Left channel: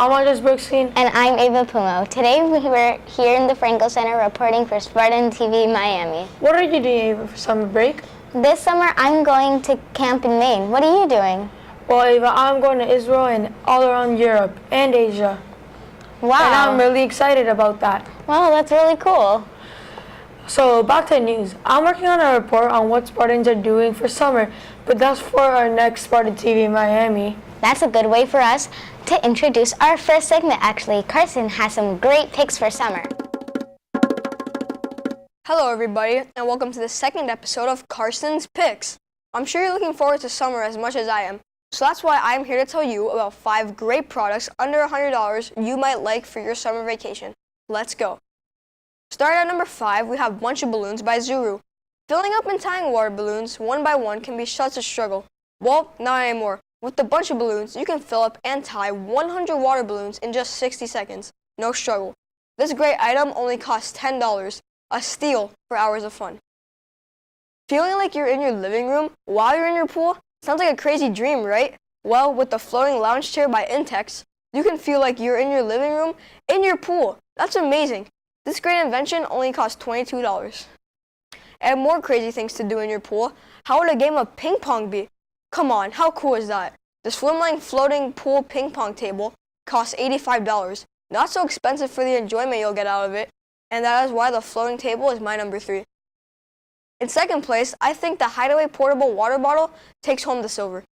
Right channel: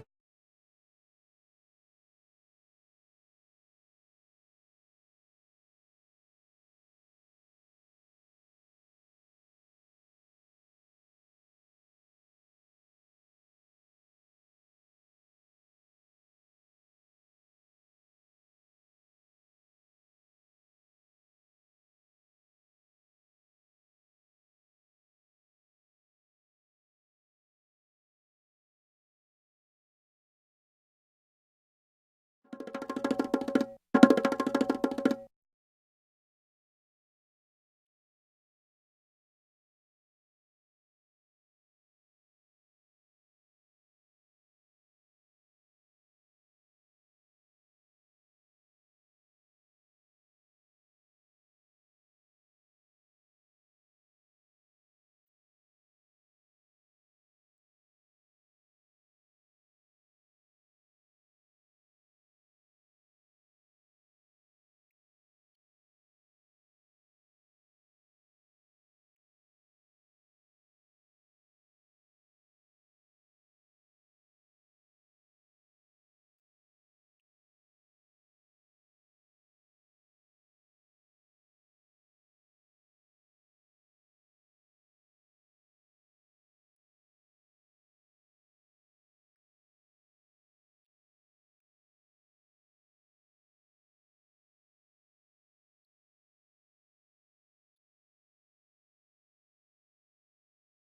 I'm Andres Brookstein. And I'm Ava Pumo. Today we were here in the Franco Center reporting for Spartan TV Miami. What are you doing, Ava, for summer break? This summer I'm going to camp in Maine. What are you doing? Well, Ava, I'm going to Israel and all around Europe and Asia. Wow. And I'm really excited about that. Wow, that's really cool. So back to the news. I'm working on a report on what Spartans are doing for summer, but that's for our next Spartan TV Miami. That's a good way for us to introduce our first segment, actually. Carson has some great picks for summer. Hello everybody, and welcome to the second episode of Carson's Picks. I'm sure you're looking forward to summer as much as I am, so that's why I'm here to tell you about 5 great products under $100 you might like for your summer vacation. Let's go. Starting at number 5, we have Bunch of Balloons by Zuru. Filling up and tying water balloons one by one can be such a struggle. Well, not anymore. With the Bunch of Balloons, you can fill up and tie 100 water balloons in just 60 seconds. No struggle. This great item only costs $10, a steal for hours of fun. Feeling like you're in your living room while you're in your pool? Sounds like a crazy dream, right? Well, with the floating lounge chair by Intex, you can feel like you're in your living room in your pool. That's amazing. This great invention only costs $22. And more crazy things to do in your pool. How would a game of ping pong be? Come on, how cool is that? The Swimline floating pool ping pong table costs $85. Not so expensive for the enjoyment you'll get out of it, and that is why the floating table is my number 3. In second place, I think the Hideaway portable water bottle takes home the silver.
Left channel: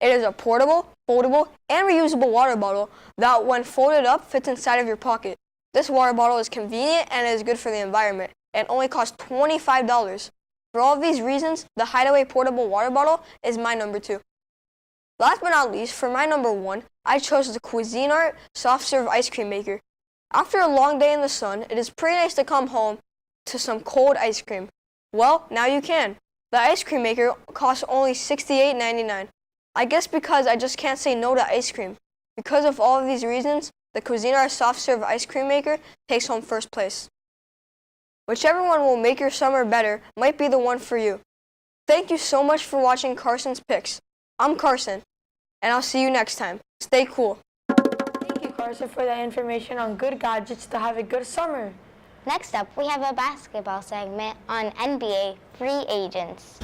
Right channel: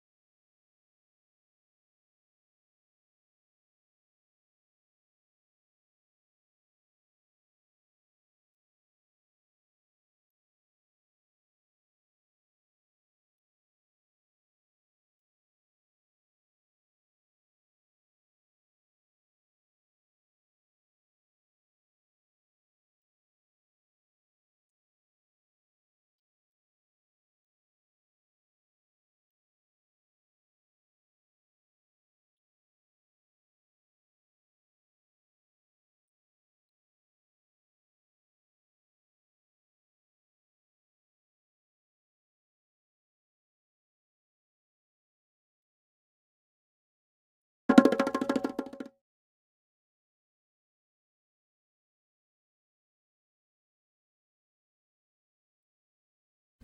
It is a portable, foldable, and reusable water bottle that, when folded up, fits inside of your pocket. This water bottle is convenient and is good for the environment, and only costs $25. For all of these reasons, the Hideaway portable water bottle is my number 2. Last but not least, for my number 1, I chose the Cuisinart soft serve ice cream maker. After a long day in the sun, it is pretty nice to come home to some cold ice cream. Well, now you can. The ice cream maker costs only $68.99. I guess because I just can't say no to ice cream. Because of all of these reasons, the Cuisinart soft serve ice cream maker takes home first place. Whichever one will make your summer better might be the one for you. Thank you so much for watching Carson's Picks. I'm Carson, and I'll see you next time. Stay cool. Thank you, Carson, for that information on good gadgets to have a good summer. Next up, we have a basketball segment on NBA free agents.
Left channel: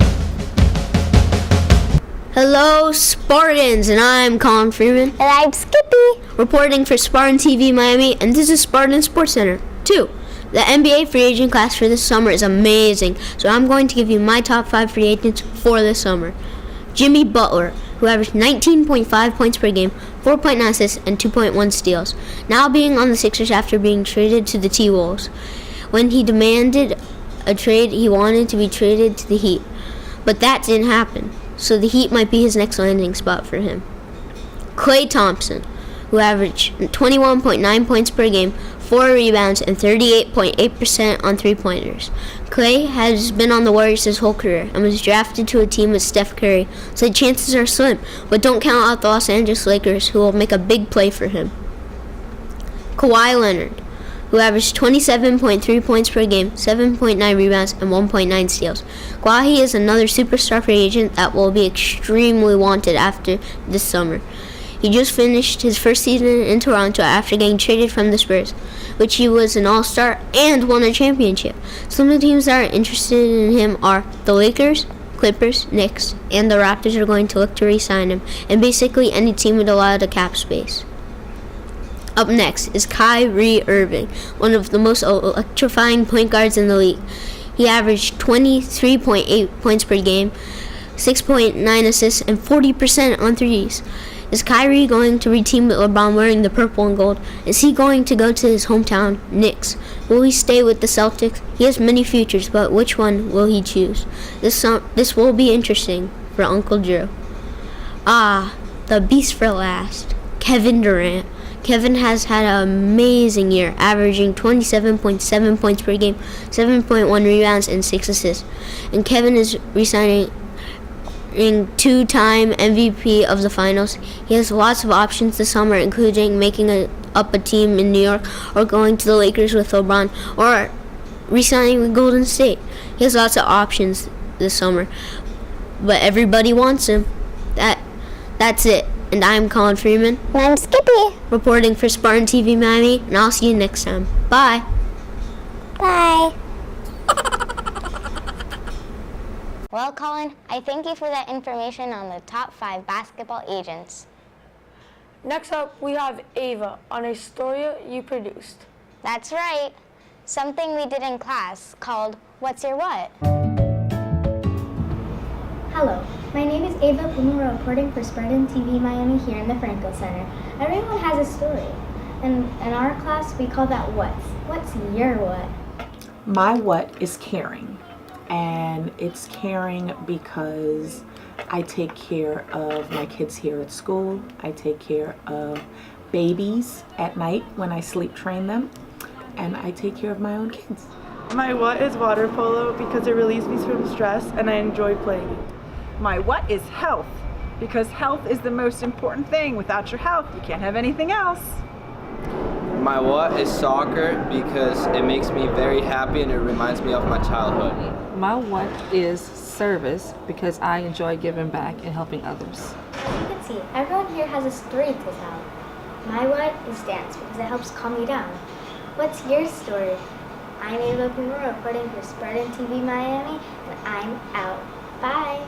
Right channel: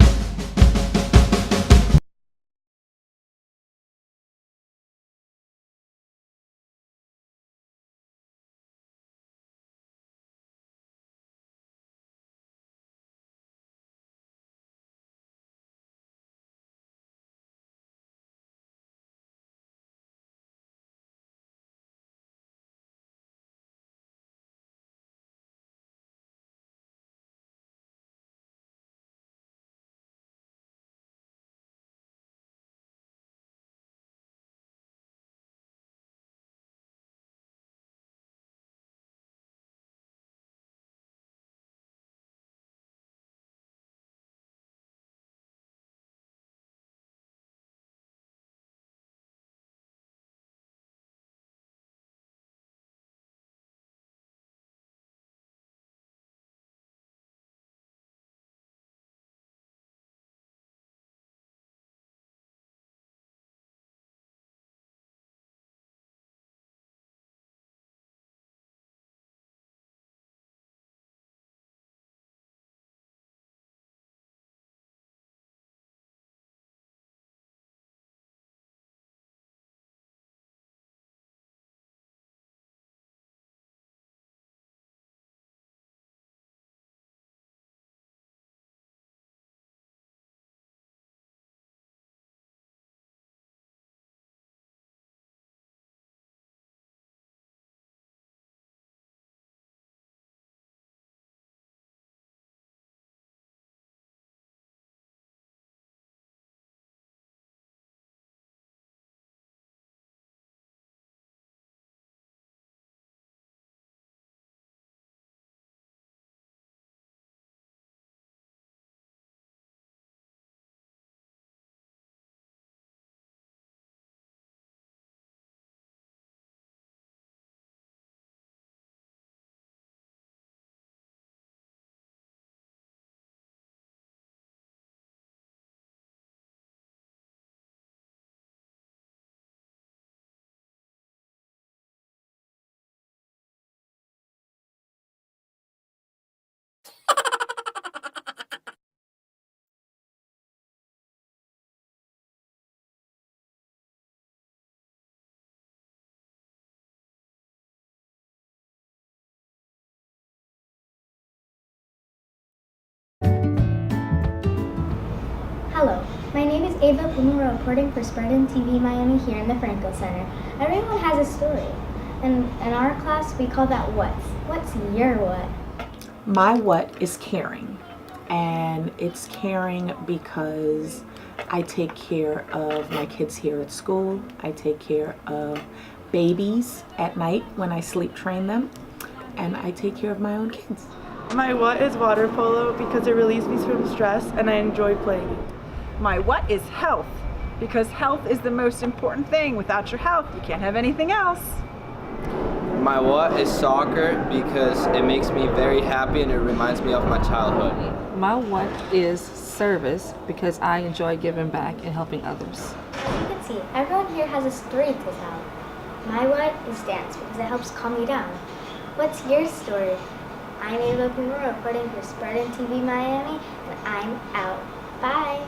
Hello, Spartans, and I'm Colin Freeman, And I'm Skippy. reporting for Spartan TV Miami, and this is Spartan Sports Center 2. The NBA free agent class for this summer is amazing, so I'm going to give you my top 5 free agents for this summer. Jimmy Butler, who averaged 19.5 points per game, 4.9 assists, and 2.1 steals, now being on the Sixers after being traded to the T-Wolves. When he demanded a trade, he wanted to be traded to the Heat, but that didn't happen, so the Heat might be his next landing spot for him. Klay Thompson, who averaged 21.9 points per game, 4 rebounds, and 38.8% on three-pointers. Klay has been on the Warriors his whole career and was drafted to a team with Steph Curry, so the chances are slim, but don't count out the Los Angeles Lakers, who will make a big play for him. Kawhi Leonard, who averaged 27.3 points per game, 7.9 rebounds, and 1.9 steals. Kawhi is another superstar free agent that will be extremely wanted after this summer. He just finished his first season in Toronto after getting traded from the Spurs, which he was an all-star and won a championship. Some of the teams that are interested in him are the Lakers, Clippers, Knicks, and the Raptors are going to look to re-sign him, and basically any team with a lot of cap space. Up next is Kyrie Irving, one of the most electrifying point guards in the league. He averaged 23.8 points per game, 6.9 assists, and 40% on threes. Is Kyrie going to reteam with LeBron wearing the purple and gold? Is he going to go to his hometown, Knicks? Will he stay with the Celtics? He has many futures, but which one will he choose? This will be interesting for Uncle Drew. The beast for last, Kevin Durant. Kevin has had an amazing year, averaging 27.7 points per game, 7.1 rebounds, and 6 assists. And Kevin is re-signing two-time MVP of the finals. He has lots of options this summer, including making up a team in New York, or going to the Lakers with LeBron, or re-signing with Golden State. He has lots of options this summer, but everybody wants him. That's it. And I'm Colin Freeman, And I'm Skippy. reporting for Spartan TV Miami, and I'll see you next time. Bye. Bye. Well, Colin, I thank you for that information on the top 5 basketball agents. Next up, we have Ava on a story you produced. That's right. Something we did in class called What's Your What? Hello, my name is Ava Pumara, reporting for Spartan TV Miami here in the Franco Center. Everyone has a story. And in our class, we call that what's. What's your what? My what is caring, and it's caring because I take care of my kids here at school. I take care of babies at night when I sleep train them, and I take care of my own kids. My what is water polo because it relieves me from stress and I enjoy playing it. My what is health, because health is the most important thing. Without your health, you can't have anything else. My what is soccer because it makes me very happy and it reminds me of my childhood. My what is service because I enjoy giving back and helping others. As you can see, everyone here has a story to tell. My what is dance because it helps calm me down. What's your story? I'm Ava Pumara, reporting for Spartan TV Miami, and I'm out. Bye.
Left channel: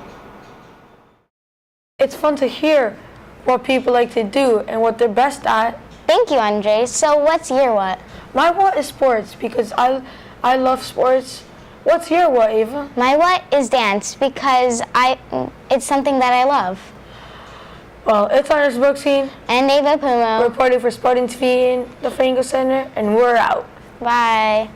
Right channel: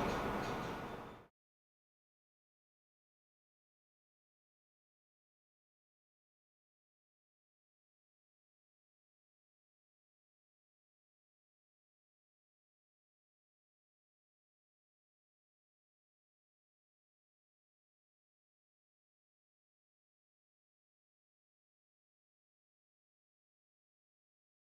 It's fun to hear what people like to do and what they're best at. Thank you, Andres. So what's your what? My what is sports because I love sports. What's your what, Ava? My what is dance because it's something that I love. Well, it's Andres Brooksine, And Ava Pumo. reporting for Spartan TV in the Franco Center, and we're out. Bye.